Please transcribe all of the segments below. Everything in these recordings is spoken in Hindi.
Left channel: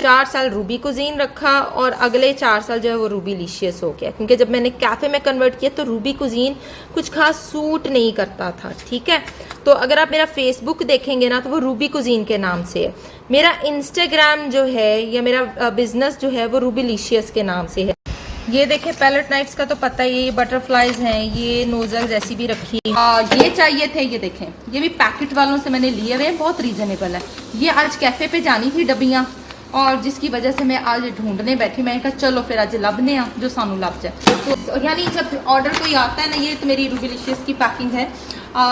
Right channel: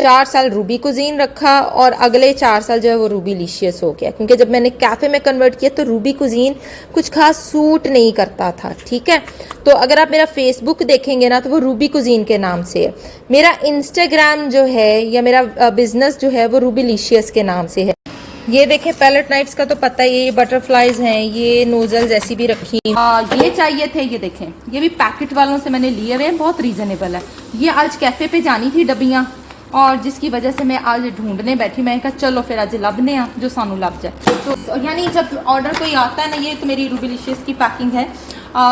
4 साल रूबी कुजीन रखा और अगले 4 साल जो है वो रूबीलिशियस हो गया, क्योंकि जब मैंने कैफ़े में कन्वर्ट किया तो रूबी कुजीन कुछ खास सूट नहीं करता था। ठीक है, तो अगर आप मेरा फेसबुक देखेंगे ना तो वो रूबी कुजीन के नाम से है। मेरा इंस्टाग्राम जो है या मेरा बिजनेस जो है वो रूबीलिशियस के नाम से है। ये देखें पैलेट नाइफ्स का तो पता ही है, ये बटरफ्लाइज हैं, ये नोजल्स ऐसी भी रखी। ये चाहिए थे, ये देखें, ये भी पैकेट वालों से मैंने लिए हुए, बहुत रीजनेबल है। ये आज कैफे पे जानी थी डब्बियाँ, और जिसकी वजह से मैं आज ढूंढने बैठी। मैं कहा चलो फिर आज लभने आ जो सानू लभ जाए। तो यानी जब ऑर्डर कोई आता है ना, ये तो मेरी रूबीलिशियस की पैकिंग है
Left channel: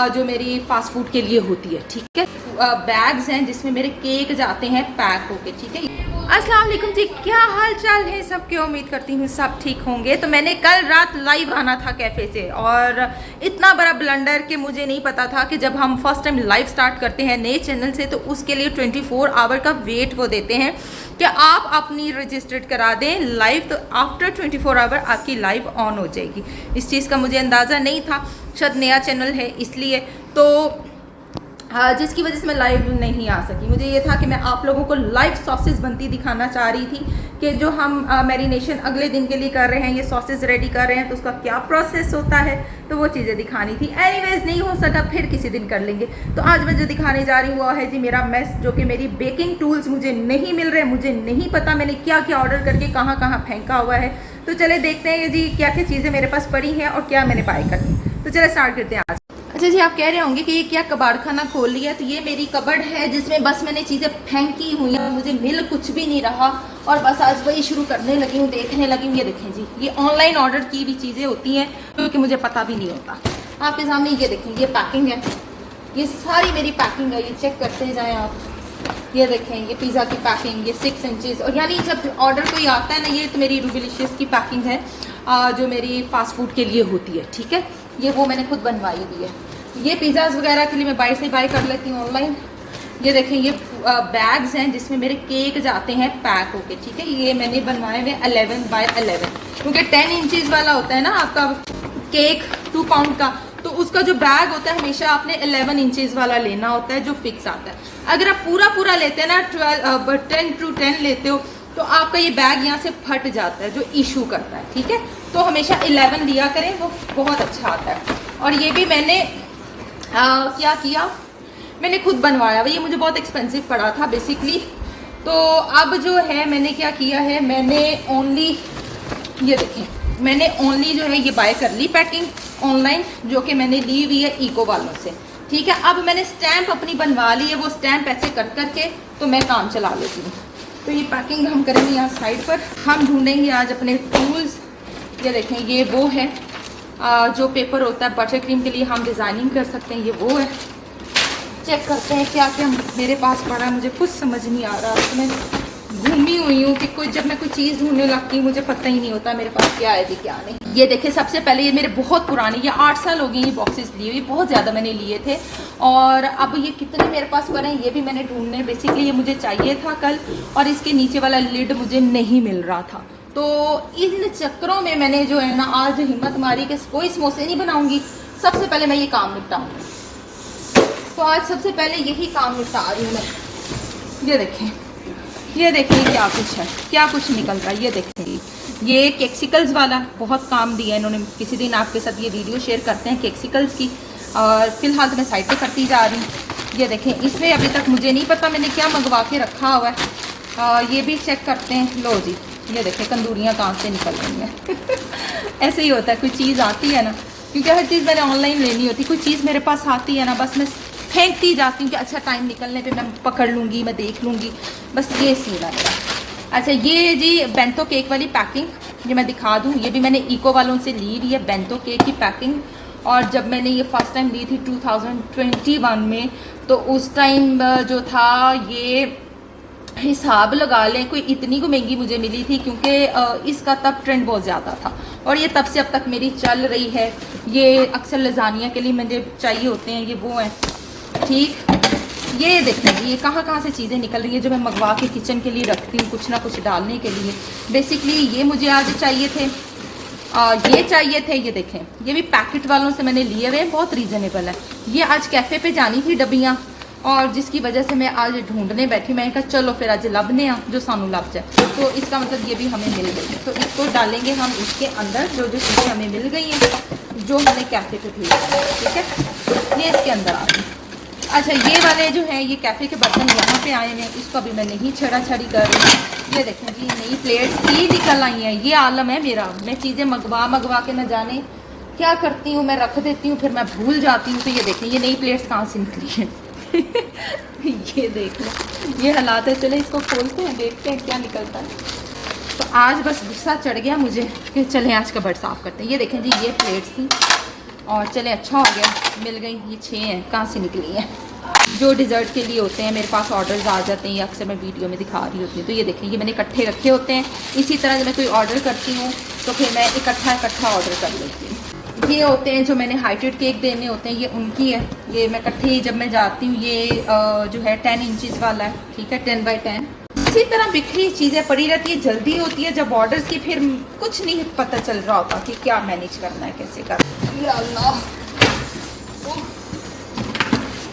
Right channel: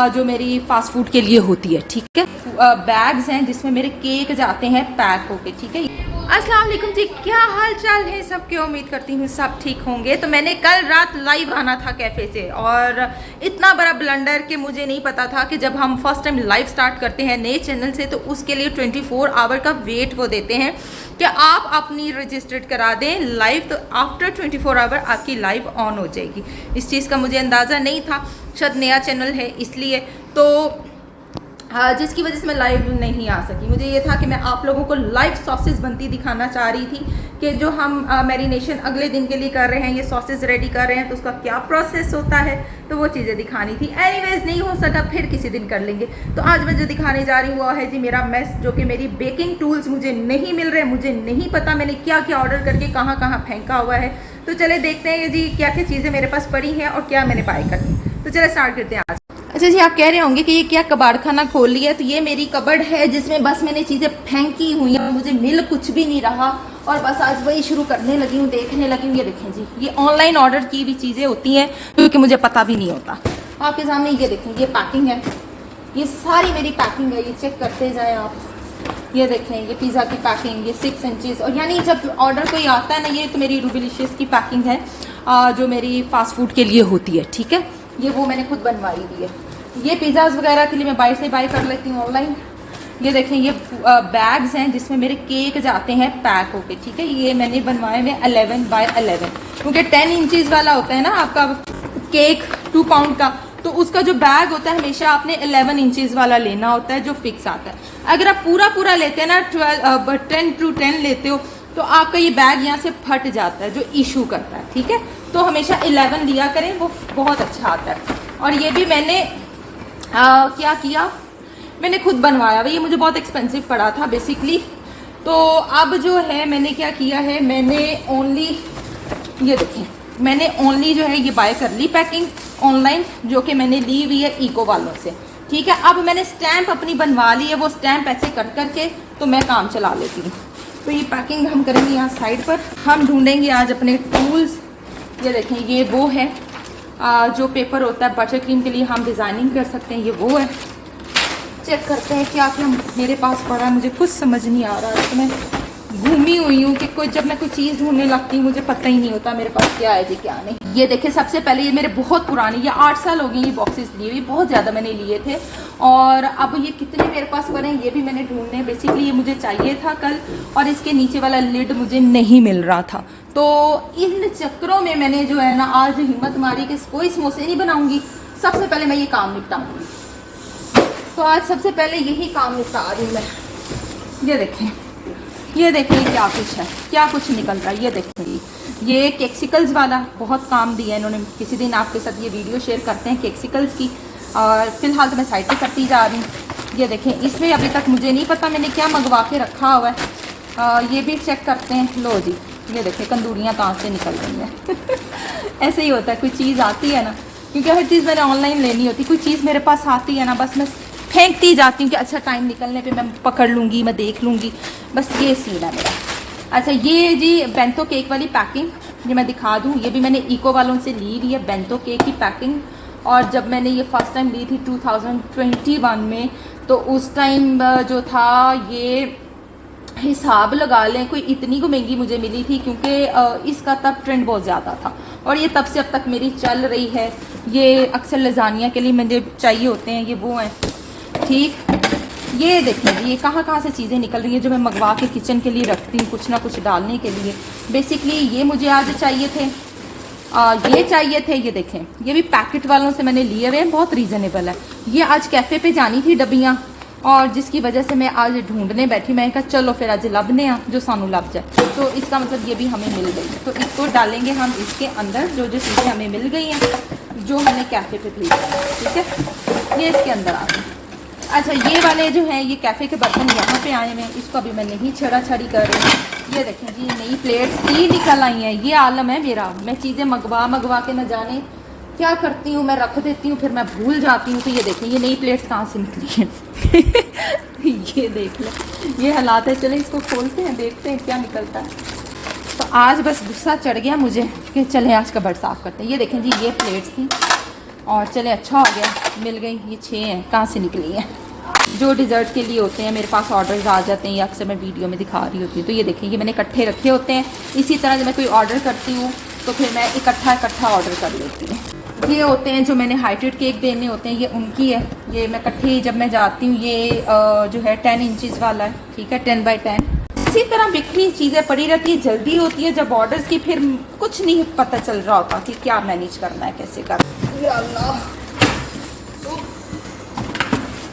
जो मेरी फास्ट फूड के लिए होती है। ठीक है, बैग्स हैं जिसमें मेरे केक जाते हैं पैक होके। ठीक है, अस्सलाम वालेकुम जी, क्या हाल चाल है सबके? उम्मीद करती हूँ सब ठीक होंगे। तो मैंने कल रात लाइव आना था कैफ़े से, और इतना बड़ा ब्लंडर कि मुझे नहीं पता था कि जब हम फर्स्ट टाइम लाइव स्टार्ट करते हैं नए चैनल से तो उसके लिए 24 आवर का वेट वो देते हैं कि आप अपनी रजिस्टर्ड करा दें लाइव, तो आफ्टर 24 आवर आपकी लाइव ऑन हो जाएगी। इस चीज़ का मुझे अंदाज़ा नहीं था, शायद नया चैनल है इसलिए, तो जिसकी वजह से मैं लाइव नहीं आ सकी। मुझे ये था कि मैं आप लोगों को लाइव सॉसेस बनती दिखाना चाह रही थी कि जो हम मैरिनेशन अगले दिन के लिए कर रहे हैं, ये सॉसेस रेडी कर रहे हैं तो उसका क्या प्रोसेस होता है, तो वो चीज़ें दिखानी थी। एनीवेज नहीं हो सका, फिर किसी दिन कर लेंगे। तो आज मैं जो दिखाने जा रही हूँ वो है जी मेरा मेस, जो कि मेरी बेकिंग टूल्स मुझे नहीं मिल रहे, मुझे नहीं पता मैंने क्या क्या ऑर्डर करके कहाँ कहाँ फेंका हुआ है। तो चले देखते हैं जी क्या क्या चीज़ें मेरे पास पड़ी हैं और क्या मैंने बाय करनी। तो चले स्टार्ट करते हैं आज। अच्छा जी, आप कह रहे होंगे कि ये क्या कबाड़ खाना खोल लिया, तो ये मेरी कबर्ड है जिसमें बस मैंने चीज़ें फेंकी हुई हैं, मुझे मिल कुछ भी नहीं रहा और बस आज वही शुरू करने लगी हूँ, देखने लगी हूँ। ये देखें जी, ये ऑनलाइन ऑर्डर की भी चीज़ें होती हैं क्योंकि मुझे पता भी नहीं होता। आपके सामने ये देखें, ये पैकिंग है, ये सारी मेरी पैकिंग है, ये चेक करते जाएँ आप। ये देखें, ये पिज़्ज़ा की पैकिंग, ये 6 इंचेस, और यानी जब ऑर्डर कोई आता है ना, ये तो मेरी रूबीलिशियस की पैकिंग है जो मेरी फास्ट फूड के लिए होती है। ठीक है, ये वो मैंने खुद बनवाई हुई है। ये पिज़्ज़ाज वगैरह के लिए मैं बाहर से बाय कर लेती हूँ ऑनलाइन। ये देखें, ये बैग्स हैं जिसमें मेरे केक जाते हैं पैक होके। ठीक है, ये मैंने बनवाए हुए 11 बाय 11, क्योंकि 10 इंचेस वाला होता है ना आपका केक 2 पाउंड का, तो उसका जो बैग होता है हमेशा आपने 11 इंचेस वाला लेना होता है जो फिक्स आता है। अगर आप पूरा लेते हैं ना 10 to 10 लेते हो तो आपका ये बैग यहाँ से फट जाता है जो इशू करता है। ठीक है, तो हमेशा 11 लिया करें, वो बहुत अच्छा आता है। और ये भी मैंने क्या किया, मैंने खुद बनवाया। ये मुझे बहुत एक्सपेंसिव पड़ा था बेसिकली। तो अब जो है मैंने क्या किया है, मैंने ओनली, ये देखें, मैंने ओनली जो है ये बाय कर ली पैकिंग ऑनलाइन, जो कि मैंने ली हुई है इको वालों से। ठीक है, अब मैंने स्टैंप अपनी बनवा ली है, वो स्टैंप ऐसे कर करके तो मैं काम चला लेती हूँ। तो ये पैकिंग हम करेंगे यहाँ साइड पर। हम ढूंढेंगे आज अपने टूल्स। ये देखें, ये वो है जो पेपर होता है बटर क्रीम के लिए हम डिज़ाइनिंग कर सकते हैं, ये वो है। चेक करते हैं क्या क्या मेरे पास पड़ा है, मुझे कुछ समझ नहीं आ रहा। तो मैं घूमी हुई हूँ कि कोई, जब मैं कोई चीज़ ढूंढने लगती हूँ मुझे पता ही नहीं होता मेरे पास क्या है क्या नहीं। ये देखें, सबसे पहले ये मेरे बहुत पुराने, ये 8 साल हो गए ये बॉक्सेस लिए हुए, बहुत ज़्यादा मैंने लिए थे। और अब ये कितने मेरे पास पड़े हैं ये भी मैंने ढूंढने, बेसिकली ये मुझे चाहिए था कल, और इसके नीचे वाला लिड मुझे नहीं मिल रहा था। तो इन चक्करों में मैंने जो है ना आज हिम्मत मारी कि कोई समोसे नहीं बनाऊंगी, सबसे पहले मैं ये काम निपटाऊंगी। तो आज सबसे पहले यही काम निपटा रही हूँ मैं। ये देखें, ये देखें क्या कुछ है, क्या कुछ निकल रहा है। ये देखें, ये केक्सिकल्स वाला बहुत काम दिया है इन्होंने। किसी दिन आपके साथ ये वीडियो शेयर करते हैं केक्सिकल्स की, और फिलहाल तो मैं साइड पे करती जा रही हूँ। ये देखें, इसमें अभी तक मुझे नहीं पता मैंने क्या मंगवा के रखा हुआ है। ये भी चेक करते हैं। लो जी, ये देखें, तंदूरियाँ कहाँ से निकल रही हैं। ऐसे ही होता है, कोई चीज़ आती है ना, क्योंकि हर चीज़ मैंने ऑनलाइन लेनी होती, कोई चीज़ मेरे पास आती है ना, बस मैं फेंकती जाती हूँ कि अच्छा टाइम निकलने पे मैं पकड़ लूँगी, मैं देख लूँगी, बस ये सीन है मेरा। अच्छा, ये जी बेंतो केक वाली पैकिंग, ये मैं दिखा दूँ, ये भी मैंने इको वालों से ली हुई है बेंतो केक की पैकिंग। और जब मैंने ये फर्स्ट टाइम ली थी 2021 में, तो उस टाइम जो था ये हिसाब लगा लें कोई इतनी को महंगी मुझे मिली थी, क्योंकि इसका तब ट्रेंड बहुत ज़्यादा था और ये तब से अब तक मेरी चल रही है। ये अक्सर लजानिया के लिए मुझे चाहिए होते हैं, ये वो हैं। ठीक, ये देखें ये कहाँ से चीज़ें निकल रही हैं जो मैं मंगवा के किचन के लिए रखती हूँ, कुछ ना कुछ डालने के लिए। बेसिकली ये मुझे आज चाहिए थे, ये चाहिए थे। ये देखें, ये भी पैकेट वालों से मैंने लिए हुए हैं, बहुत रीज़नेबल है। ये आज कैफ़े पे जानी थी डब्बियाँ, और जिसकी वजह से मैं आज ढूंढने बैठी। मैं कहा चलो फिर आज लभने जो सानू लभ जाए। तो इसका मतलब ये भी हमें मिल गई है। तो इसको डालेंगे हम इसके अंदर, जो जो चीज़ें हमें मिल गई हैं, जो हमने कैफ़े पे भेजा है, ठीक है, ये इसके अंदर आ गई। अच्छा, ये वाले जो है ये कैफ़े के बर्तन यहाँ पे आए हैं, इसको अभी मैं नहीं छड़ा छड़ी कर रही हूँ। ये देखें जी, नई प्लेट 3 निकल आई हैं। ये आलम है मेरा, मैं चीज़ें मंगवा के न जाने क्या करती हूँ, मैं रख देती हूँ, फिर मैं भूल जाती हूँ। तो ये देखें, ये नई प्लेट्स कहाँ से निकली हैं। ये देख लो, ये हालात है। चले इसको खोलते हैं, देखते हैं क्या निकलता है। तो आज बस गुस्सा चढ़ गया मुझे कि चले आज कबर्ड साफ़ करते हैं। ये देखें जी, ये प्लेट्स थी और चले अच्छा हो गया, मिल गई। ये 6 हैं, कहाँ से निकली हैं। जो डिज़र्ट के लिए होते हैं मेरे पास ऑर्डर्स आ जाते हैं, या अक्सर मैं वीडियो में दिखा रही होती हूँ। तो ये देखें, ये मैंने इकट्ठे रखे होते हैं। इसी तरह जब मैं कोई ऑर्डर करती हूँ तो फिर मैं इकट्ठा ऑर्डर कर लेती हूँ। ये होते हैं जो मैंने हाइटेड केक देने होते हैं, ये उनकी है। ये मैं इकट्ठे जब मैं जाती हूँ, ये जो है 10 इंचज़ वाला है, ठीक है, 10 बाई 10। इसी तरह बिखरी चीज़ें पड़ी रहती है, जल्दी होती है जब ऑर्डर्स की, फिर कुछ नहीं पता चल रहा होता कि क्या मैनेज करना है, कैसे करना है। या अल्लाह,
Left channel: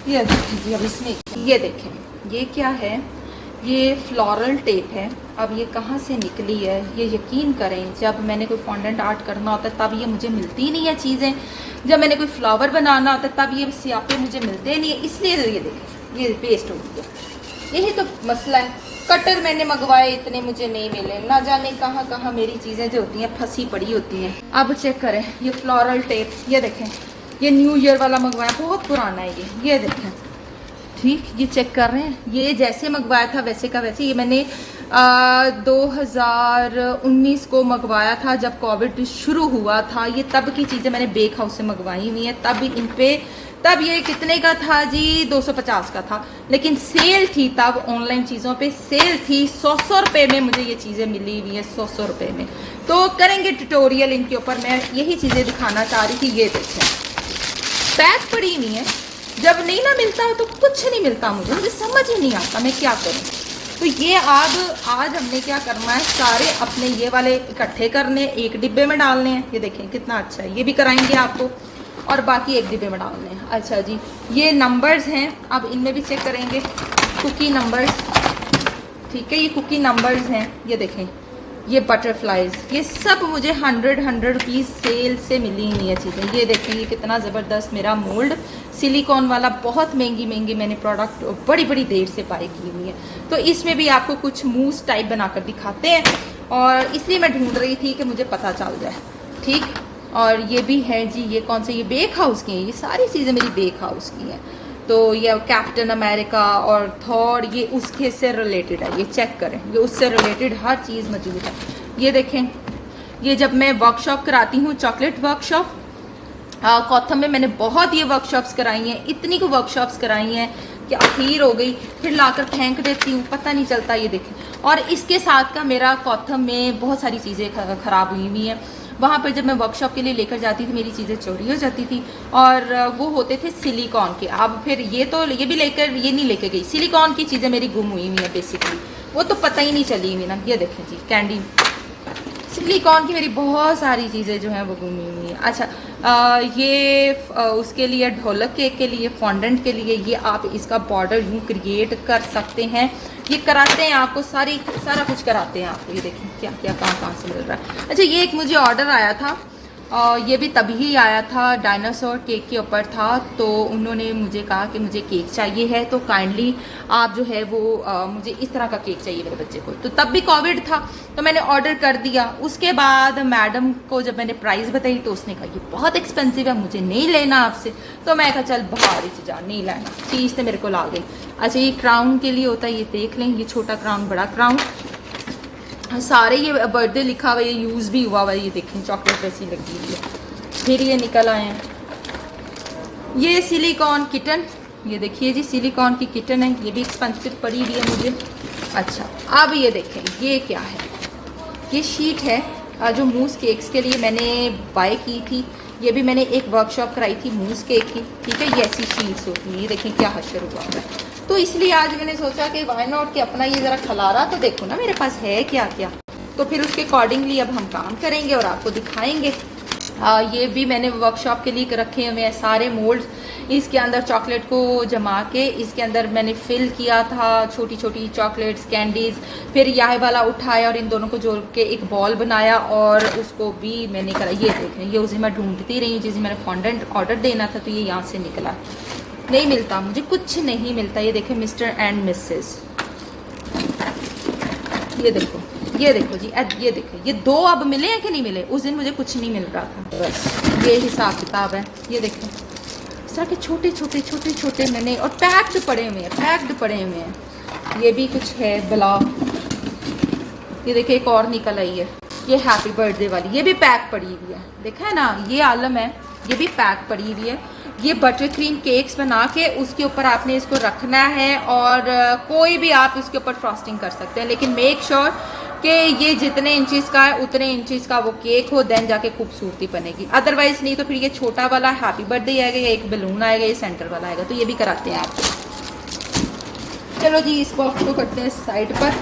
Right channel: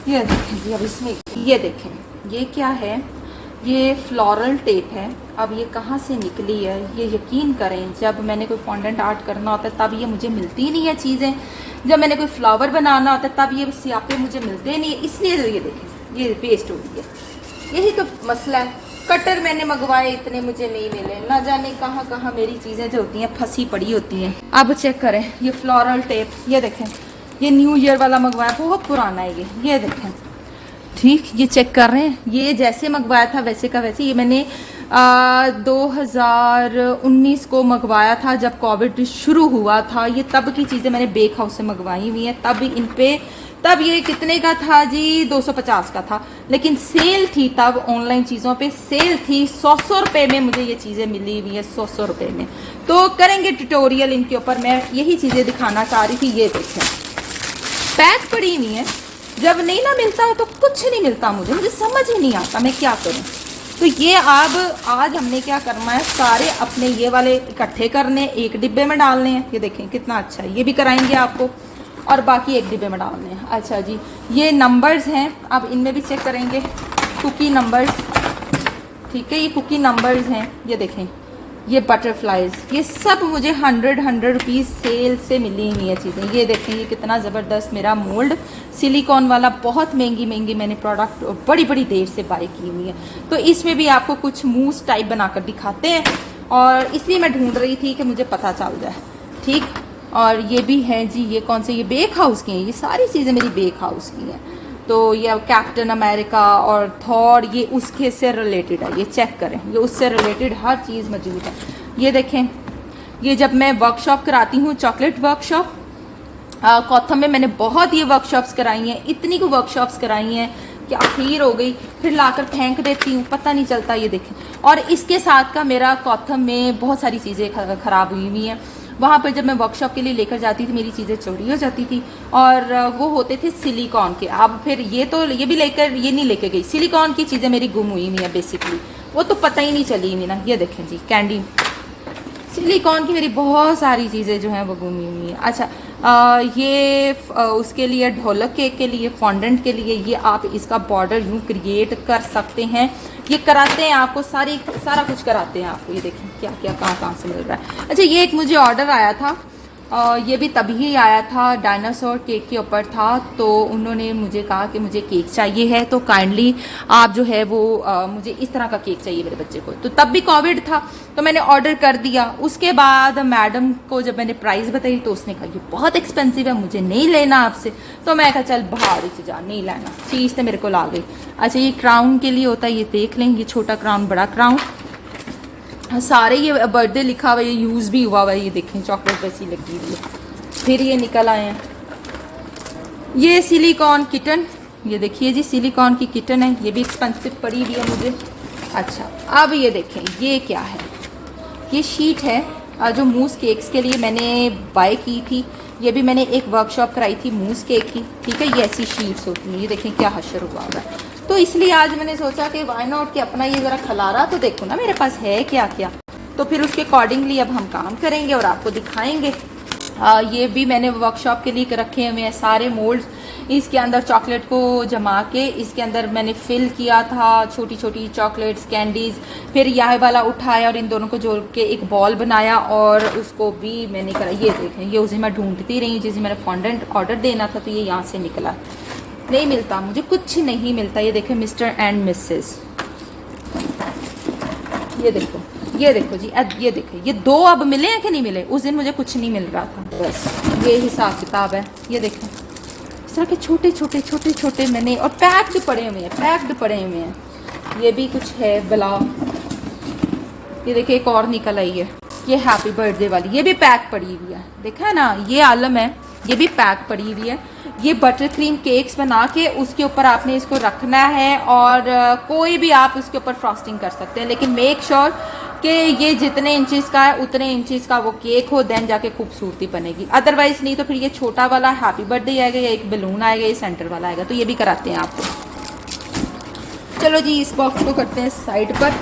ये देखें जी, अब इसमें ये देखें, ये क्या है, ये फ्लोरल टेप है। अब ये कहाँ से निकली है, ये यकीन करें जब मैंने कोई फॉन्डेंट आर्ट करना होता है तब ये मुझे मिलती नहीं है चीज़ें। जब मैंने कोई फ्लावर बनाना होता है तब ये स्यापे मुझे मिलते नहीं है, इसलिए ये देखें ये वेस्ट हो गया। यही तो मसला है। कटर मैंने मंगवाए, इतने मुझे नहीं मिले, ना जाने कहाँ कहाँ मेरी चीज़ें जो होती हैं फंसी पड़ी होती हैं। अब चेक करें, ये फ्लोरल टेप, ये देखें, ये न्यू ईयर वाला मंगवाया, बहुत पुराना है ये देखें, ठीक, ये चेक कर रहे हैं। ये जैसे मंगवाया था वैसे का वैसे। ये मैंने 2019 को मंगवाया था जब कोविड शुरू हुआ था। ये तब की चीज़ें मैंने बेक हाउस से मंगवाई हुई हैं। तब ये कितने का था जी, 250 का था, लेकिन सेल थी तब, ऑनलाइन चीज़ों पे सेल थी। 100 रुपये में मुझे ये चीज़ें मिली हुई है, 100 रुपये में। तो करेंगे ट्यूटोरियल इनके ऊपर, मैं यही चीज़ें दिखाना चाह रही थी। ये देखें, पैक पड़ी नहीं है। जब नहीं ना मिलता तो कुछ नहीं मिलता, मुझे समझ ही नहीं आता मैं क्या करूं। तो ये आज हमने क्या करना है, सारे अपने ये वाले इकट्ठे करने, एक डिब्बे में डालने हैं। ये देखें कितना अच्छा है, ये भी कराएंगे आपको, और बाकी एक डिब्बे में डालने हैं। अच्छा जी, ये नंबर्स हैं, अब इनमें भी चेक करेंगे, कुकी नंबर्स, ठीक है, ये कुकी नंबर्स हैं। ये देखें, ये बटरफ्लाइज, ये सब मुझे 100 रुपीज़ सेल से मिली हुई है चीज़ें। ये देखें, ये कितना ज़बरदस्त मेरा मोल्ड, सिलिकॉन वाला, बहुत महंगी मैंने प्रोडक्ट बड़ी देर से बाय की हुई है। तो इसमें भी आपको कुछ मूस टाइप बनाकर दिखाते हैं, और इसलिए मैं ढूंढ रही थी कि मुझे पता चल जाए, ठीक। और ये भी है जी, ये कौन से, ये बेक हाउस की हैं, ये सारी चीज़ें मेरी बेक हाउस की हैं। तो ये कैप्टन अमेरिका और थॉर, ये उसके से रिलेटेड है। ये चेक करें, ये उससे रिलेटेड हर चीज़ मौजूद है। ये देखें, ये जब मैं वर्कशॉप कराती हूँ, चॉकलेट वर्कशॉप कॉथम में, मैंने बहुत ये वर्कशॉप्स कराई हैं, इतनी को वर्कशॉप्स कराई हैं कि आखिर हो गई, फिर लाकर फेंक देती हूँ, पता नहीं चलता। ये देखें, और इसके साथ का मेरा कॉथम में बहुत सारी चीज़ें ख़राब हुई हैं। वहाँ पर जब मैं वर्कशॉप के लिए लेकर जाती थी, मेरी चीज़ें चोरी हो जाती थी, और वो होते थे सिलिकॉन के। अब फिर ये भी ये नहीं लेके गई, सिलिकॉन की चीज़ें मेरी गुम हुई हुई हैं बेसिकली, वो तो पता ही नहीं चली हुई ना। ये देखें जी, कैंडी, सिलिकॉन की मेरी बहुत सारी चीज़ें जो हैं वो गुम हुई हैं। अच्छा, ये उसके लिए, ढोलक केक के लिए, फॉन्डेंट के लिए, ये आप इसका बॉर्डर यूँ क्रिएट कर सकते हैं। ये कराते हैं आपको, सारा कुछ कराते हैं आपको। ये देखें क्या क्या कहाँ से मिल रहा है। अच्छा, ये एक मुझे ऑर्डर आया था, ये भी तभी आया था, डायनासोर केक के ऊपर था। तो उन्होंने मुझे कहा कि मुझे केक चाहिए है, तो काइंडली आप जो है वो मुझे इस तरह का केक चाहिए मेरे बच्चे को। तो तब भी कोविड था, तो मैंने ऑर्डर कर दिया। उसके बाद मैडम को जब मैंने प्राइस बताई तो उसने कहा ये बहुत एक्सपेंसिव है, मुझे नहीं लेना आपसे। तो मैं कहा चल बाहर ही से जा, नहीं लेना, चीज़ तो मेरे को ला गई। अच्छा, ये क्राउन के लिए होता है, ये देख लें, ये छोटा क्राउन, बड़ा क्राउन, सारे ये बर्थडे लिखा हुआ है, ये यूज़ भी हुआ हुआ है। ये देखें, चॉकलेट जैसी लगी हुई है। फिर ये निकल आए, ये सिलिकॉन किटन, ये देखिए जी, सिलिकॉन की किटन है, ये भी एक्सपेंसिव पड़ी हुई है मुझे। अच्छा, अब ये देखें, ये क्या है, ये शीट है जो मूस केक्स के लिए मैंने बाय की थी। ये भी मैंने एक वर्कशॉप कराई थी मूस केक की, ठीक है। ये ऐसी शीट्स होती हैं, ये देखें क्या हशर हुआ है। तो इसलिए आज मैंने सोचा कि वाई नॉट कि अपना ये ज़रा खलारा तो देखो ना मेरे पास है क्या क्या। तो फिर उसके अकॉर्डिंगली अब हम काम करेंगे और आपको दिखाएंगे। ये भी मैंने वर्कशॉप के लिए रखे हुए हैं सारे मोल्ड। इसके अंदर चॉकलेट को जमा के इसके अंदर मैंने फिल किया था, छोटी छोटी चॉकलेट्स, कैंडीज, फिर यह वाला उठाया और इन दोनों को जोड़ के एक बॉल बनाया और उसको भी मैंने करा। ये देखें, ये उसे मैं ढूंढती रही, जिसे मैंने फॉन्डेंट ऑर्डर देना था तो ये यहाँ से निकला। नहीं मिलता मुझे, कुछ नहीं मिलता। ये देखें मिस्टर एंड मिसेस, ये देखो, ये देखो जी, ये देखो, ये 2 अब मिले हैं कि नहीं मिले? उस दिन मुझे कुछ नहीं मिल रहा था। बस ये हिसाब किताब है। ये देखो इस तरह के छोटे छोटे छोटे छोटे मैंने, और पैक्ड पड़े हुए हैं, पैक्ड पड़े हुए हैं। ये भी कुछ है बला। ये देखिए एक और निकल आई है, ये हैप्पी बर्थडे वाली, ये भी पैक पड़ी हुई है। देखा है ना, ये आलम है, ये भी पैक पड़ी हुई है। ये बटर क्रीम केक्स बना के उसके ऊपर आपने इसको रखना है और कोई भी आप उसके ऊपर फ्रॉस्टिंग कर सकते हैं, लेकिन मेक श्योर कि ये जितने इंचेस का है उतने इंचेस का वो केक हो, देन जाके खूबसूरती बनेगी। अदरवाइज नहीं तो फिर ये छोटा वाला हैप्पी बर्थडे आएगा, एक बलून आएगा, ये सेंटर वाला आएगा, तो ये भी कराते हैं आपको। चलो जी, इस बॉक्स को करते हैं साइड पर।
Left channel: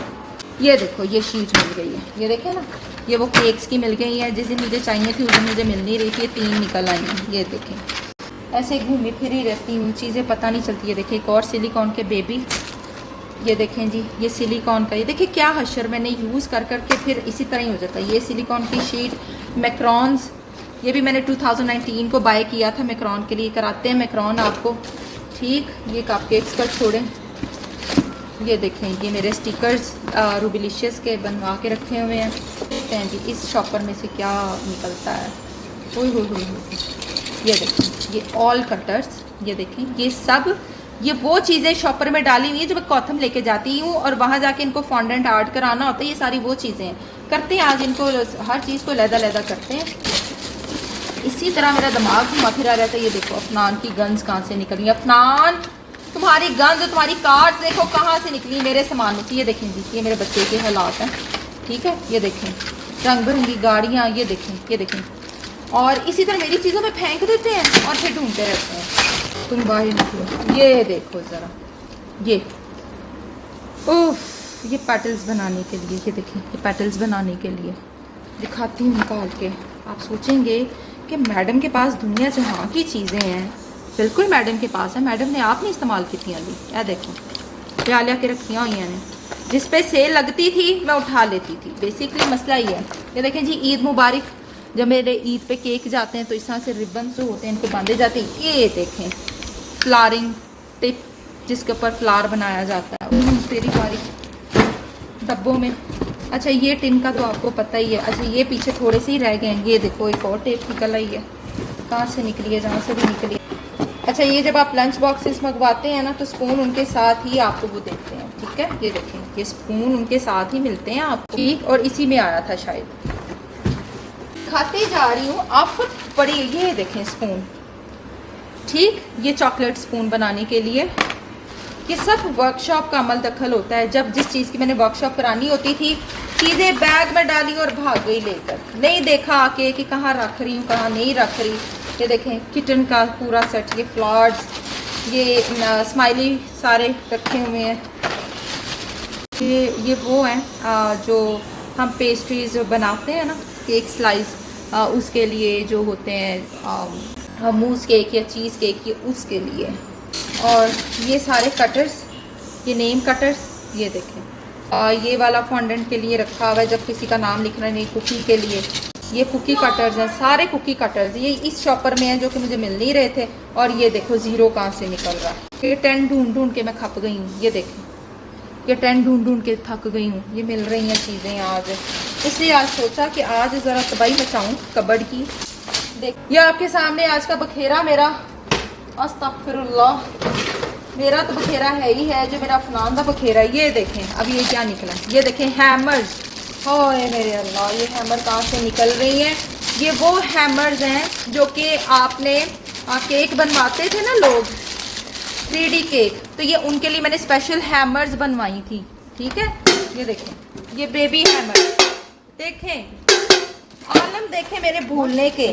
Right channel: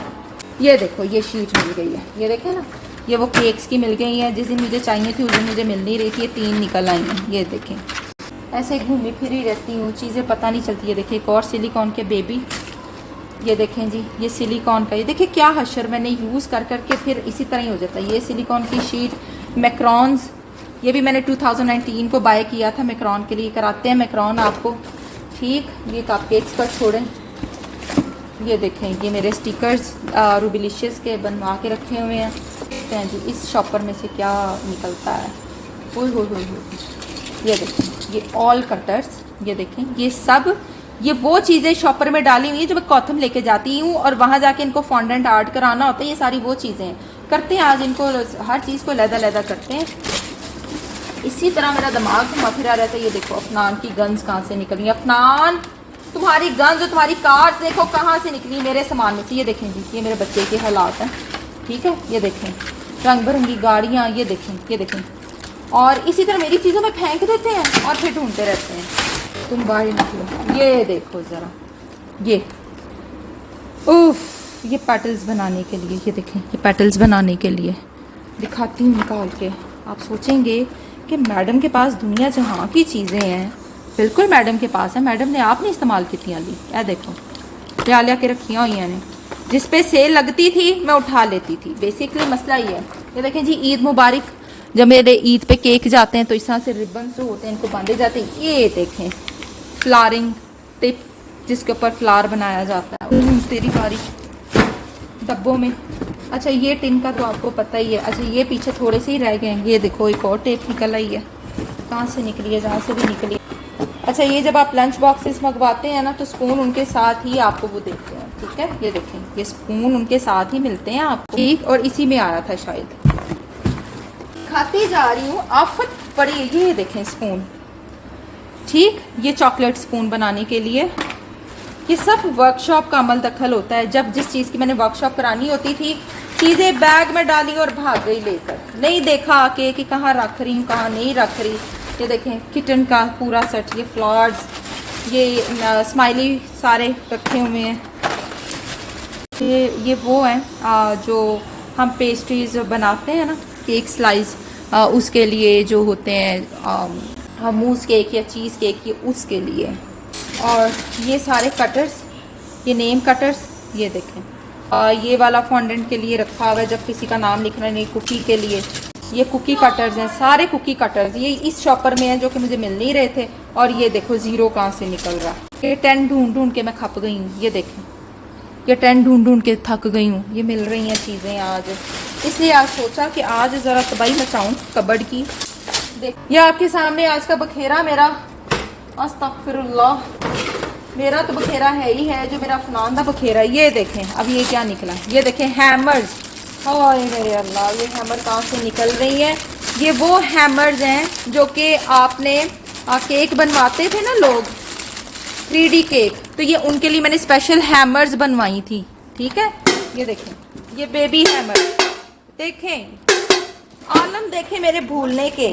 ये देखो, ये शीट मिल गई है, ये देखे ना, ये वो केक्स की मिल गई है जिस दिन मुझे चाहिए थी उस दिन मुझे मिल नहीं रही थी। 3 निकल आई हैं, ये देखें। ऐसे घूमी फिरी रहती हूँ, चीज़ें पता नहीं चलती है। देखिए एक और सिलिकॉन के बेबी, ये देखें जी, ये सिलिकॉन का, ये देखिए क्या हशर मैंने यूज़ कर करके फिर इसी तरह ही हो जाता है। ये सिलिकॉन की शीट, मैक्रॉन्स, ये भी मैंने 2019 को बाय किया था मैक्रॉन के लिए, कराते हैं मैक्रॉन आपको, ठीक। ये कपकेक्स पर छोड़ें। ये देखें, ये मेरे स्टिकर्स रूबिलिशियस के बनवा के रखे हुए हैं। देखते हैं जी इस शॉपर में से क्या निकलता है। ओह हो, ये देखें, ये ऑल कटर्स, ये देखें, ये सब, ये वो चीज़ें शॉपर में डाली हुई है जो मैं कॉथम लेके जाती हूँ और वहाँ जाके इनको फॉन्डेंट आर्ट कराना होता है। ये सारी वो चीज़ें हैं, करते हैं आज इनको, हर चीज़ को लहदा करते हैं। इसी तरह मेरा दिमाग घुमा फिरा रहता है। ये देखो अफनान की गन्स कहाँ से निकली। अफनान, तुम्हारी गन्स, तुम्हारी कार्ड देखो कहाँ से निकली मेरे सामान में से। ये देखें जी, ये मेरे बच्चे के हालात हैं, ठीक है। ये देखें रंग बिरंगी गाड़ियाँ, ये देखें, ये देखें। और इसी तरह मेरी चीज़ों में फेंक देते हैं और फिर ढूंढते रहते हैं। तुम बाहर निकलो। ये देखो ज़रा, ये उफ, ये पेटल्स बनाने के लिए, ये देखें, ये पेटल्स बनाने के लिए दिखाती हूँ निकाल के। आप सोचेंगे कि मैडम के पास दुनिया जहाँ की चीज़ें हैं, बिल्कुल मैडम के पास है, मैडम ने आपने इस्तेमाल की थी। यह देखो लिया के रखी हुई ने, जिस पे सेल लगती थी मैं उठा लेती थी। बेसिकली मसला ये है। ये देखें जी, ईद मुबारक, जब मेरे ईद पे केक जाते हैं तो इस तरह से रिबन जो होते हैं इनको बांधे जाते हैं। ये देखें फ्लारिंग टिप, जिसके ऊपर फ्लावर बनाया जाता है। तेरी बारी डब्बों में। अच्छा ये टिन का तो आपको पता ही है। अच्छा ये पीछे थोड़े से ही रह गए हैं। ये देखो एक और टेप निकल आई है, कहाँ से निकली है, जहाँ से भी निकली। अच्छा ये जब आप लंच बॉक्सेस मंगवाते हैं ना तो स्पून उनके साथ ही आपको वो देते हैं, ठीक है। ये देखें, ये स्पून उनके साथ ही मिलते हैं आपको, ठीक। और इसी में आया था शायद। खाती जा रही हूँ, आफत पड़ी है। ये देखें स्पून, ठीक। ये चॉकलेट स्पून बनाने के लिए, ये सब वर्कशॉप का अमल दखल होता है। जब जिस चीज़ की मैंने वर्कशॉप करानी होती थी, चीज़ें बैग में डाली और भाग गई लेकर, नहीं देखा आके कि कहाँ रख रही हूँ कहाँ नहीं रख रही। ये देखें किचन का पूरा सेट, ये फ्लावर्स, ये स्माइली सारे रखे हुए हैं। ये वो हैं जो हम पेस्ट्रीज बनाते हैं ना, केक स्लाइस, उसके लिए जो होते हैं मूस केक या चीज़ केक, ये उसके लिए। और ये सारे कटर्स, ये नेम कटर्स, ये देखें। ये वाला फॉन्डेंट के लिए रखा हुआ है जब किसी का नाम लिखना नहीं, कुकी के लिए। ये कुकी कटर्स हैं, सारे कुकी कटर्स ये इस शॉपर में हैं जो कि मुझे मिल नहीं रहे थे। और ये देखो ज़ीरो कहाँ से निकल रहा है। ये 10 ढूंढ के मैं खप गई हूँ। ये देखें, ये 10 ढूंढ के थक गई हूँ। ये मिल रही हैं चीज़ें आज, इसलिए आज सोचा कि आज ज़रा तबाही मचाऊँ कबर्ड की। देख, ये आपके सामने आज का बखेरा मेरा, अस्तगफिरुल्लाह, मेरा तो बखेरा है ही है, जो मेरा फलान का बखेरा। ये देखें अब ये क्या निकला है। ये देखें हैमर्स, हाय मेरे अल्लाह, ये हैमर कहाँ से निकल रही हैं। ये वो हैमर्स हैं जो कि आपने केक बनवाते थे ना लोग, 3D केक, तो ये उनके लिए मैंने स्पेशल हैमर्स बनवाई थी, ठीक है। ये देखें, ये बेबी हैमर देखें, आलम देखें मेरे भूलने के,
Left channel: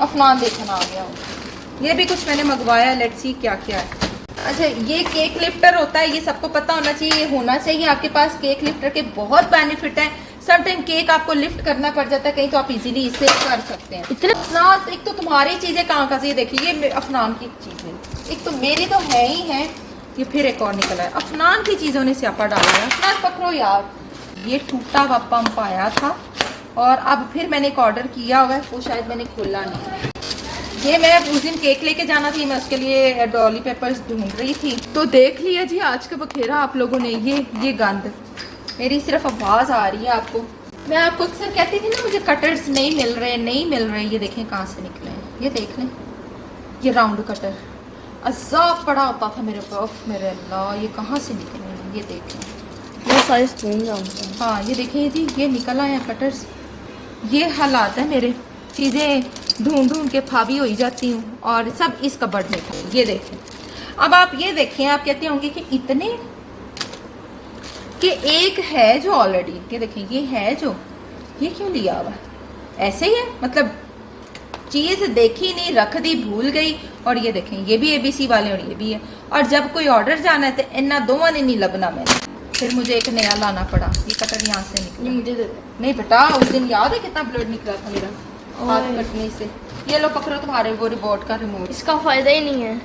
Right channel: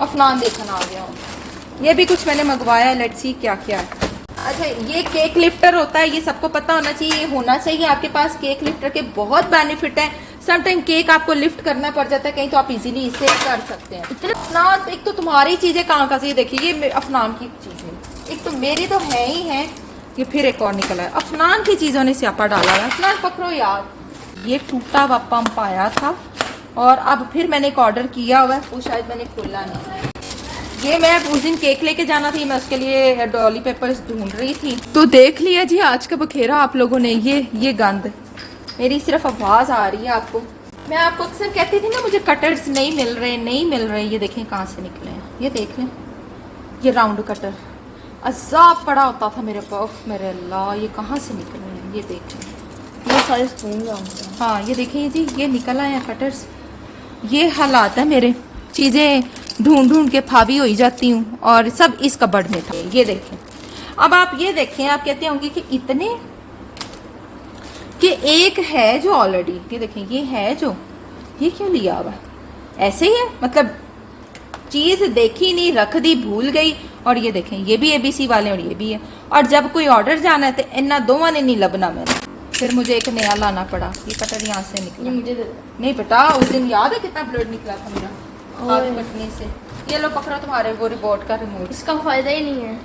अफनान देखना आ गया। ये भी कुछ मैंने मंगवाया, लेट्स सी क्या क्या है। अच्छा ये केक लिफ्टर होता है, ये सबको पता होना चाहिए, ये होना चाहिए आपके पास। केक लिफ्टर के बहुत बेनिफिट हैं, सर टाइम केक आपको लिफ्ट करना पड़ जाता है कहीं, तो आप इजीली इसे कर सकते हैं। इतने ना एक तो तुम्हारी चीजें कहाँ से, ये देखिए ये अफनान की चीजें, एक तो मेरी तो है ही है, ये फिर एक और निकला है। अफनान की चीजों ने स्यापा डाला है। अफनान पकड़ो यार, ये टूटा हुआ पंप आया था और अब फिर मैंने एक ऑर्डर किया हुआ है, वो शायद मैंने खोला नहीं। ये मैं उस दिन केक लेके जाना थी, मैं उसके लिए डॉली पेपर्स ढूंढ रही थी, तो देख लिया जी आज का बखेरा आप लोगों ने। ये गंद, मेरी सिर्फ आवाज आ रही है आपको। मैं आपको अक्सर कहती थी ना मुझे कटर्स नहीं मिल रहे। ये देखें कहाँ से निकले हैं, ये देख लें, ये राउंड कटर अजाब पड़ा होता था मेरे पास। मेरे अल्लाह, ये कहाँ से निकले हैं, ये देखें। ये सारे स्पून होते हैं। हाँ ये देखिए जी, ये निकला है कटर्स। ये हालात है मेरे, चीजें ढूंढ के फावी हो ही जाती हूँ और सब इस कबर्ड में था। ये देखें, अब आप ये देखें, आप कहते होंगे कि इतने कि एक है जो ऑलरेडी, ये देखें ये है जो, ये क्यों लिया हुआ, ऐसे ही है मतलब चीज देखी नहीं, रख दी, भूल गई। और ये देखें ये भी एबीसी वाले और ये भी है। और जब कोई ऑर्डर जाना है तो इन्ना दोवां ने नहीं लबना मैंने, फिर मुझे एक नया लाना पड़ा। ये कटर यहाँ से निकला, मुझे नहीं बेटा उस दिन याद है कितना ब्लड निकला था मेरा हाथ कटने से। ये लो पकड़ो तुम्हारे वो रिमोट का रिमोट, इसका फायदा ही नहीं है।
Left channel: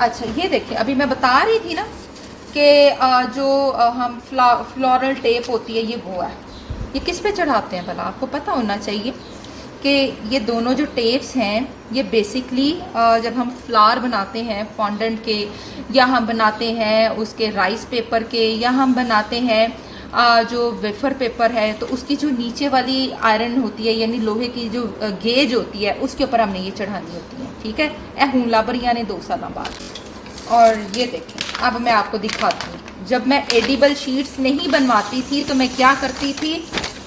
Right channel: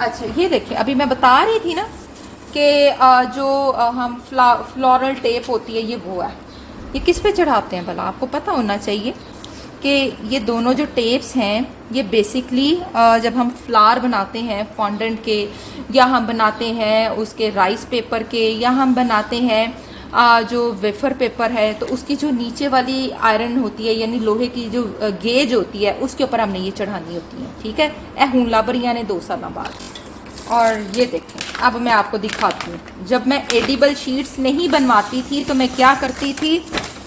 अच्छा ये देखिए, अभी मैं बता रही थी ना कि जो हम फ्लोरल टेप होती है, ये वो है। ये किस पे चढ़ाते हैं भला, आपको पता होना चाहिए कि ये दोनों जो टेप्स हैं ये बेसिकली जब हम फ्लावर बनाते हैं फॉन्डेंट के, या हम बनाते हैं उसके राइस पेपर के, या हम बनाते हैं जो वेफर पेपर है, तो उसकी जो नीचे वाली आयरन होती है यानी लोहे की जो गेज होती है उसके ऊपर हमने ये चढ़ानी होती है। ठीक है, ए हूँ लाबरिया ने 2 साल बाद। और ये देखें, अब मैं आपको दिखाती हूँ, जब मैं एडिबल शीट्स नहीं बनवाती थी तो मैं क्या करती थी,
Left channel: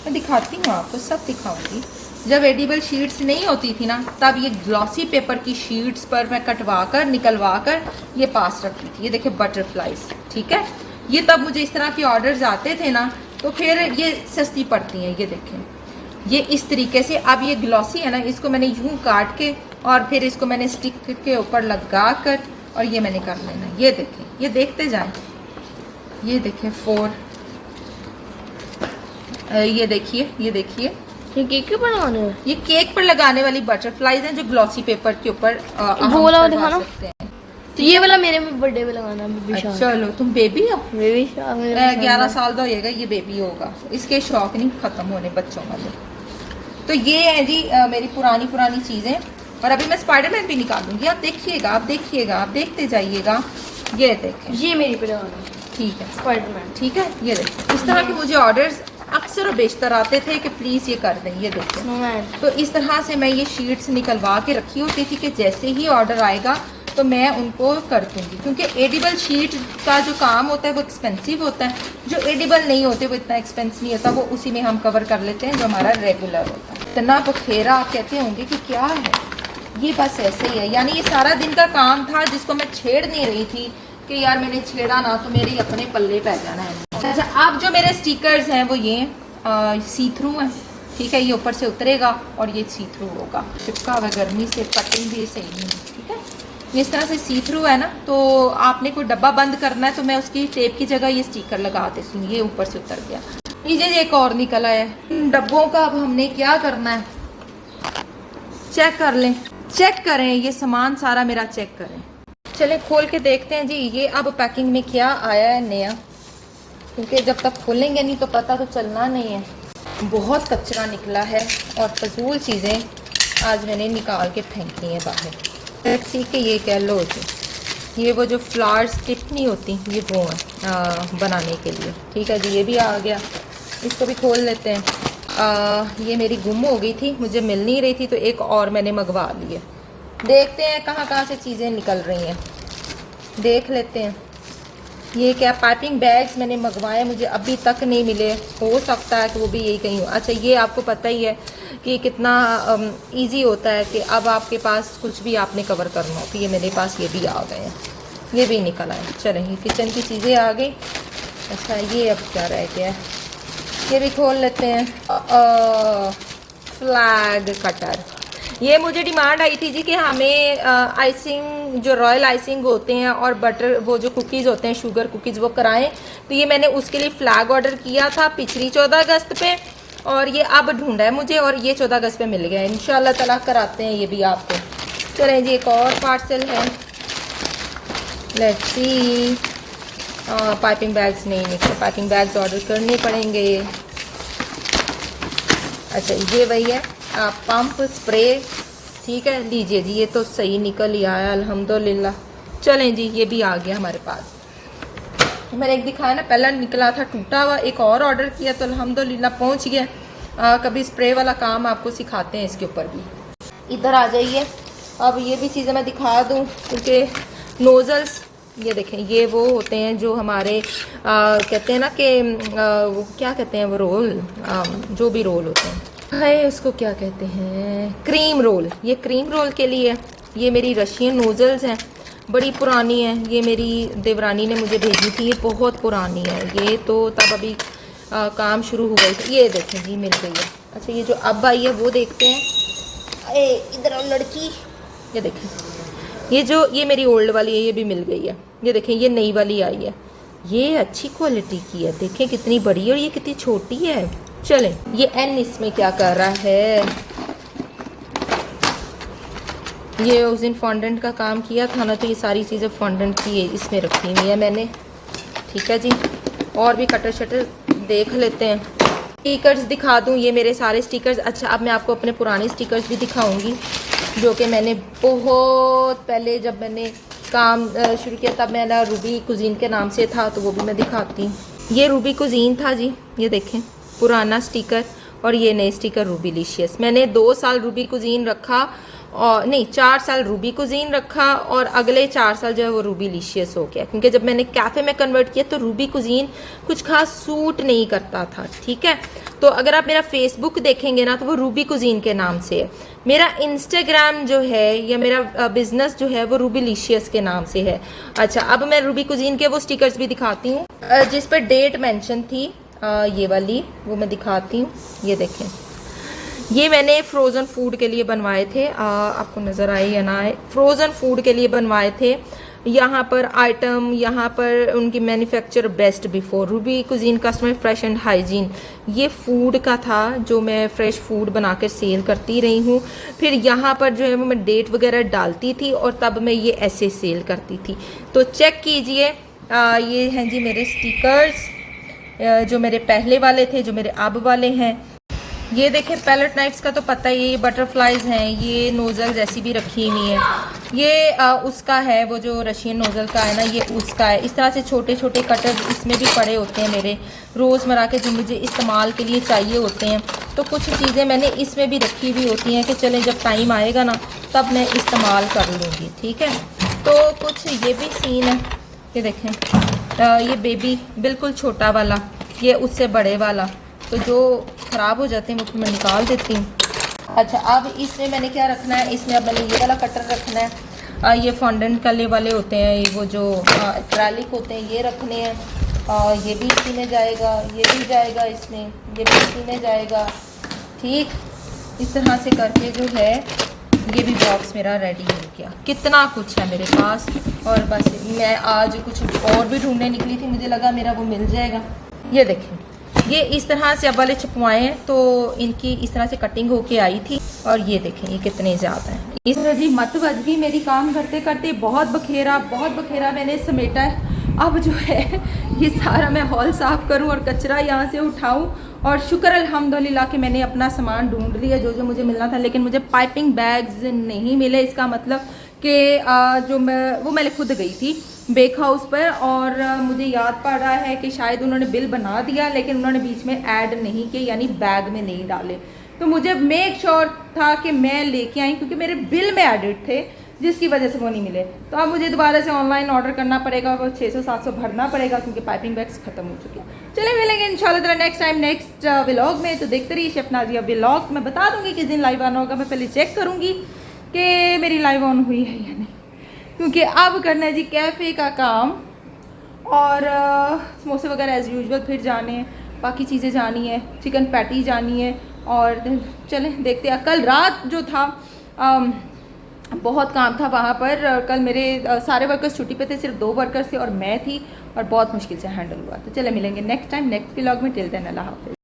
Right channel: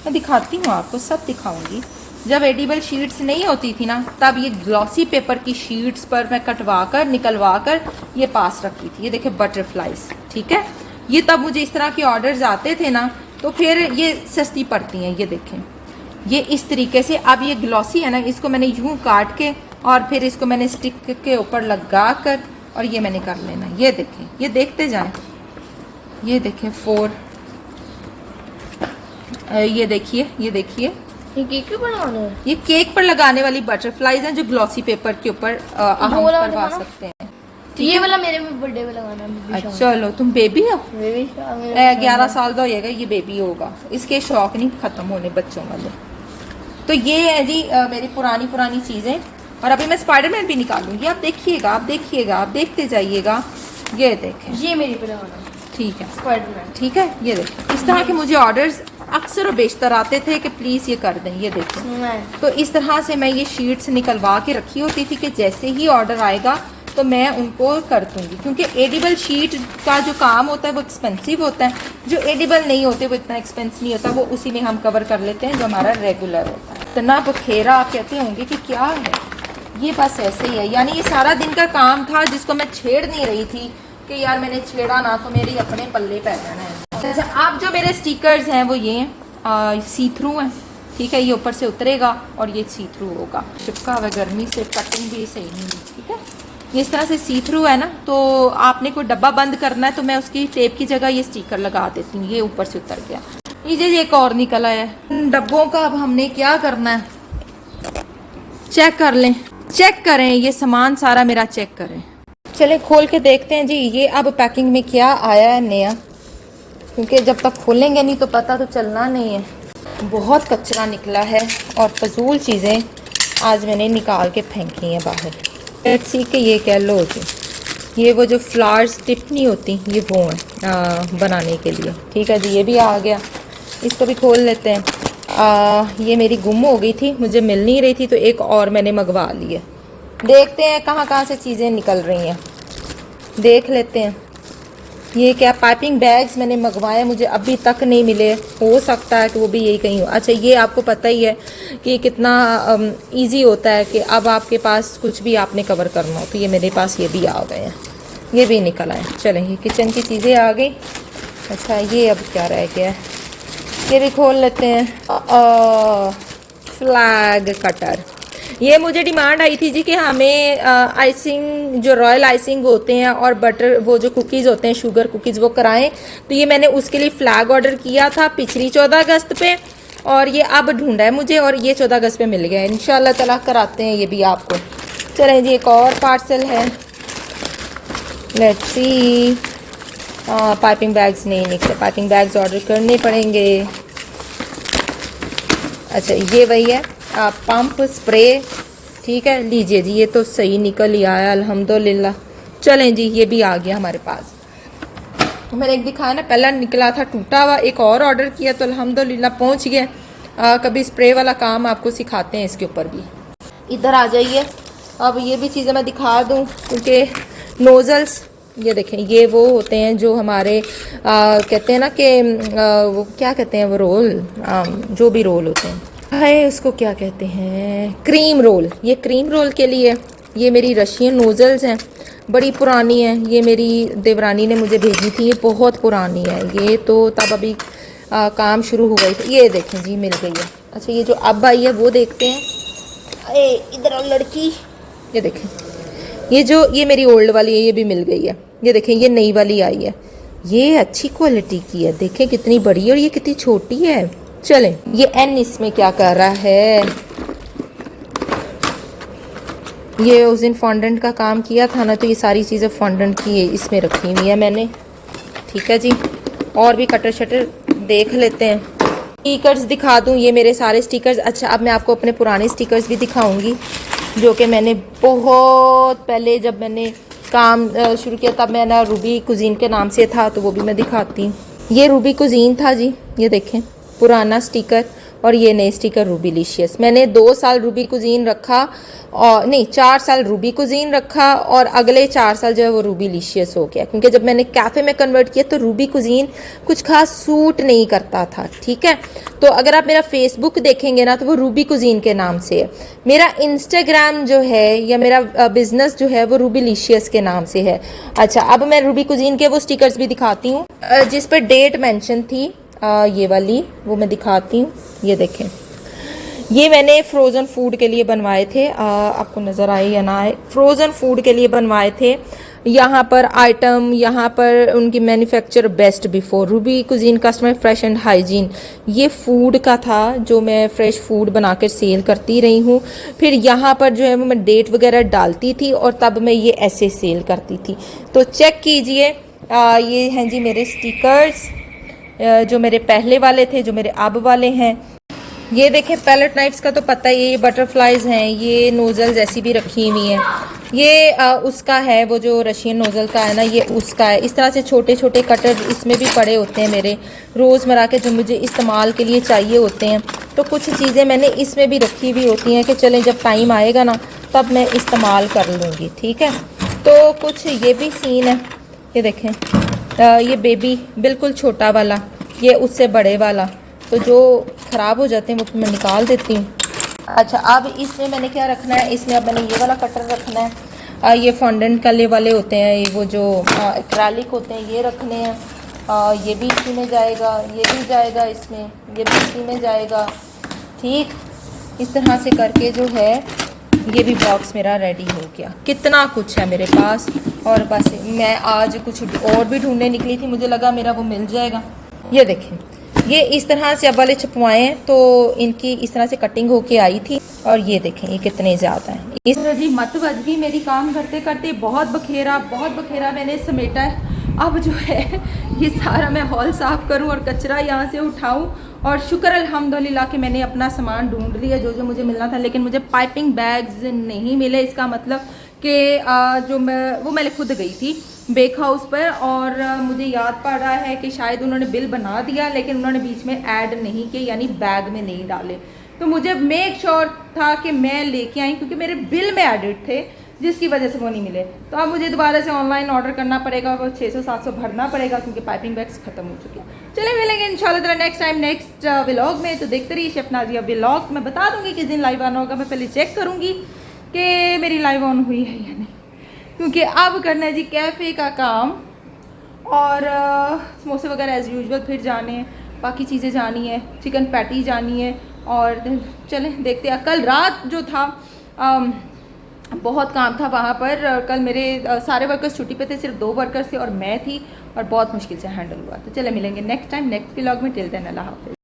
मैं दिखाती हूँ आपको, सब दिखाऊंगी। जब एडिबल शीट्स नहीं होती थी ना, तब ये ग्लॉसी पेपर की शीट्स पर मैं कटवा कर निकलवा कर ये पास रखती थी। ये देखे बटरफ्लाइज, ठीक है, ये तब मुझे इस तरह के ऑर्डर्स आते थे ना, तो फिर ये सस्ती पड़ती हैं। ये देखें, ये इस तरीके से, अब ये ग्लॉसी है ना, इसको मैंने यूं काट के और फिर इसको मैंने स्टिक के ऊपर लगा कर और ये मैंने कर लेना। ये देखें, ये देखते जाएं, ये देखें 4, ये देखिए, ये देखिए, ये केक के ऊपर लगाने हैं? ये केक पर लगाने वाली बटरफ्लाइज हैं जो ग्लॉसी पेपर के ऊपर हम करवा सकते हैं। तो ये वाला मेरे बर्थडे पे लगाना है। अच्छा, चलो तुम बेबी हो, बेबी 11 साल का होएगा, ये बेबी होगा, इसके शौक नहीं खत्म होने बच्चों वाले। तो ये है जी मेरी पुरानी चीजें। और अभी मैं स्पाइडरमैन भी निकालूंगी, आप देखिएगा, आप देखिएगा, आप देखते जाइएगा। ये देखें, ये मेरी पे लगाना है, ठीक है स्पाइडरमैन। ठीक है, ये देखें, इस तरह के मुझे ऑर्डर्स अक्सर और बेशतर आते थे कि प्लीज ये कर दें। ये देखें, तो इस तरह से मैं ये शीट्स निकलवा के रखी होती थी कि जैसे ही ऑर्डर आएगा तो मैं उनको कर दूंगी, क्योंकि एडिबल शीट का जो काम होता है वो एक्सपेंसिव होता है, जो एडिबल नहीं होते वो इतना एक्सपेंसिव नहीं होता, वो उसी में हम कवर कर लेते हैं जो हमारा रेगुलर होता है। इतना बखेरा आप कहते होंगे कि क्या है, ये बस ऐसे ही है। यानी ये सारा दिन का काम था जिसको मैं छेड़ नहीं रही थी कि यार मैंने छेड़ा ना तो मेरे अपने पल्ले पै जाना है। अच्छा, अब जो मेरे स्टिकर्स हैं वो ये सी थ्रू हैं, ठीक है, ये ऊपर से उतरेगा और ये सी थ्रू होगा, चिपका हुआ गर्मी से कटिंग भी सही नहीं, ठीक है, ये इस तरह से सी थ्रू है ना। तो आपने कोई डब्बा बंद करना है तो मैं उसकी टेप की जगह ये स्टिकर लगा देती हूँ। ये ऊपर से उतर गया, ये एक और निकला है। डब्बों का अब हमने क्या करना है, चेक कर लें, चेक करें, ये सामान सारा मेरा चेक करें। चले खोल के देखते हैं जी ये अब पैकिंग में क्या आया है नया, क्योंकि जब तक खोलेंगे नहीं तो पता तो चलना नहीं है। बहुत कचरा निकला है और फजूल चीज़ें आज मैंने निकाल के फेंकी हैं बाहर। लेट्स सी के ये कह लो जी, ये वो जो फ्लावर्स टिप नहीं होती, ये वो है बनाने के लिए, ठीक है जी। ये भी आ गया, इसको भी खोल लेते हैं। ये मेरी गुम हो गई थी, मुझे मिल नहीं रही थी, तो एक और मैंने मंगवा ली है। देखते हैं कहाँ कहाँ से चीज़ें निकल रही हैं, देख लेते हैं। ये क्या पाइपिंग बैग्स मैंने मंगवाए, मुझे अभी तक नहीं मिले, हो सकता है कि वो भी यही कहीं हो। अच्छा, ये आपको पता ही है कि कितना इजी होता है कि अब आपके पास कुछ भी आपने कवर करना हो, तो ये मेरे पास ये भी आ गए हैं, ये भी निकल आए। चलें, ये किचन की चीज़ें आ गई। अच्छा, ये अब क्या रह गया है, ये भी खोल लेते हैं। फ्लैग कटर, ये मुझे डिमांड आई थी जी कि हमें आइसिंग जो रॉयल आइसिंग होते हैं और बटर वो जो कुकीज़ होते हैं शुगर कुकीज़ वो कराएं। तो ये मैंने उसके लिए फ्लैग ऑर्डर किया था पिछली 14 अगस्त पे, और ये अब ढूंढा है मुझे और ये 14 अगस्त पे मिल गया। इंशाल्लाह ताला कराते हैं ये भी आपको। चलें जी, एक और पार्सल है, लेट्स सी। पाइपिंग बैग्स नहीं निकले, पाइपिंग बैग्स ऑर्डर करने पड़ेंगे। अच्छा ये वही है पंप स्प्रे, ठीक है, लीजिए जी, ये तो सही निकल ही आया अल्हम्दुलिल्लाह। चलें जी, ये भी आ गया हमारे पास। मैंने एक दिखाया ना, पहला निकला था टूटा हुआ, एक और ऑर्डर किया तो अल्हम्दुलिल्लाह पहुंच गया। कभी स्प्रे वाला काम आपको सिखाते हैं इसके ऊपर भी। इधर आ जाइए, अब ये भी चीज़ें मैं दिखा दूँ, क्योंकि नोज़ल्स ये देखें, ये वो होते हैं जो हमारे कहते हैं ना कि वो क्या कहते हैं, वो रोल, जो भी रोल होते हैं है उसको क्या कहते हैं, क्रीम रोल। ये क्रीम रोल के लिए ये मेरी रशियन नोज़ल्स हैं, बड़ी पुरानी है। ये मेरी देवरानी ने मुझे भेजी थी, ये बहुत पुरानी है। ये तो तब अभी काम शुरू हुआ ही। ये देखें जी, मिल गई है। अच्छा ये जो अब आई है वो देखते हैं। इधर आओ लड़की, ये देखें, ये मेरी ओल्ड वाली है, ये भी मिल गई है। ये देखें, ये नई वाली आई है, ये अच्छी क्वालिटी की है। देखें कितनी बड़ी है और ये कितनी छोटी है। चलें, ये एन इसमें क्या कर रहा है, ये उस दिन फॉन्डेंट का काम किया था ना, तो ये सारी चीज़ें फॉन्डेंट की इसमें रखी हुई है मैंने। ठीक है जी, और भी कटर शटर देख लेते हैं। स्टिकर्स दिखा दूँ, ये मेरे सारे स्टिकर्स। अच्छा अब मैं आपको अपने पुराने स्टिकर्स भी दिखाऊंगी, जो कि मैंने बहुत पहले जब मैंने काम शुरू किया तब मैं ना रूबी कुजीन के नाम से था, तो वो भी मैं दिखाती हूँ। ये रूबी कुजीन था जी, ये देखें पुराना स्टिकर, और ये नए स्टिकर रूबीलिशियस। मैंने 2 साल रूबी कुजीन रखा, और नहीं 4 साल रूबी कुजीन रखा, और अगले 4 साल जो है वो रूबीलिशियस हो गया, क्योंकि जब मैंने कैफ़े में कन्वर्ट किया तो रूबी कुजीन कुछ खास सूट नहीं करता था। ठीक है, तो अगर आप मेरा फेसबुक देखेंगे ना तो वो रूबी कुजीन के नाम से है। मेरा इंस्टाग्राम जो है या मेरा बिजनेस जो है वो रूबीलिशियस के नाम से है। अच्छा अब मैं रूबी कुजीन के वो स्टिकर्स भी दिखाती हूँ जिस पर डेट मेंशन थी, ये वाली वो मैं दिखाती हूँ। ये देखें, ये मैंने फ्रोज़न फूड के लिए बनवाए थे, आपको नज़र आए या ना आए, फ्रोज़न फूड के लिए बनवाए थे। यहाँ पर आइटम, यहाँ पर उनकी manufacture best before Ruby cuisine customer fresh and hygiene, ये फूड का था जो मैं फ्रेश फूड बना कर सेल करती रही हूँ। फिर यहाँ पर जो है वो मैं डेट वगैरह डालती थी और तब मैं ये ऐसे सेल करती थी। तो चेक कीजिए, ये हैं जी मेरे स्टिकर्स, जो मेरे पहले वाले थे, जो मेरे अब वाले हैं। ये देखें पैलेट नाइफ्स का तो पता ही है, ये बटरफ्लाइज हैं, ये नोज़ल्स ऐसी भी रखी हुई हैं। ये उसका है, वो जो रशियन नोज़ल का है ना, ये उसका है। इस तरह से छोटे छोटे कटर इसमें भी पड़े होते हैं मेरे रोज़मर्रा के, जो मुझे इस्तेमाल के लिए चाहिए होते हैं। तो कुछ चीज़ें मैंने इसमें भी रखी हुई होती हैं कि चलें जब टाइम आएगा ना तब मैं इस्तेमाल कर लूँगी। ठीक है, तो कुछ ये भी सीन है, ये देखें, ये बेबी बिल्कुल छोटा वाला, ये उससे बड़े वाला, तो जो ख़राब हो जाते हैं वो मैं निकाल देती हूँ। अच्छा अब इसमें मैंने क्या रखना है, इसमें अब मैंने ये वाला कटर रखना है। ये फॉन्डेंट कले वाले होते हैं, ये वो जो एक्रेलिक होते हैं, ये रखने हैं। ये भी इसी में जाएगा, ये भी जाएगा इसमें, ये भी इसी में जाएगा। ठीक, इस तरह से करके जो है ये भी बॉक्स मेरा रेडी हो गया। कितना कुछ है मेरे पास, और बस मैं आज कुछ और भी ढूंढने निकली थी, मुझे लगा मेरा वो मिल जाएगा। ये देखें, ये इस तरह से अब वाले छपवाए हैं, तो इनकी इस तरह से कटिंग होके आई थी, और ये देखें ये कितने ज़्यादा हैं। इस तरह जी मत बज गई मेरी काम करते करते, बहुत बखेरा मैंने समेटा है। अब जो है ये सारा मैं हॉल साफ़ करूं और कचरा यहाँ से उठाऊं, और शुक्र अल्हम्दुलिल्लाह कि मैंने अपना सामान ढूंढ लिया जो जो मुझे मिलना था, लेकिन मुझे पाइपिंग बैग्स नहीं मिले। इसका मतलब कि जो मैंने खुद गई थी बेक हाउस पर, और मुझे याद पड़ रहा है कि शायद उन्होंने बिल बना दिया लेकिन उन्होंने बीच में ऐड नहीं किए, यानी बैग में नहीं डाले। तो मुझे मेक श्योर था कि मैं लेके आई, क्योंकि मेरे बिल में एडिट थे, जिसकी वजह से वो नहीं मिले। तो अब मुझे दोबारा से ऑनलाइन ऑर्डर करना पड़ेगा, वो 600-700 भरना पड़ेगा, क्योंकि पाइपिंग बैग्स ख़त्म हो चुके हैं। चलिए मिलेंगे इंशाल्लाह नेक्स्ट टाइम नेक्स्ट व्लॉग में। तो देखते रहिए शेफ नाजिया व्लॉग। मैं बता दूंगी किस दिन लाइव आना होगा, मैं पहले चेक करूँगी कि मेरी लाइव ऑन हुई है या नहीं, क्योंकि अब करना है जी कैफ़े का काम, और समोसे वगैरह एज़ यूजुअल फिर जाने हैं, बाकी चीज़ें जानी है, चिकन पैटी जानी है। और चलें देखते हैं, कल रात जो था बहुत काम था वहाँ पर। कल मेरे सारे वर्कर्स छुट्टी पे थे, सिर्फ 2 वर्कर्स थे और मैं थी, और बहुत मुश्किल से हैंडल हुआ। तो चले मिलेंगे नेक्स्ट टाइम नेक्स्ट व्लॉग में। टिल देन अल्लाह हाफ़िज़।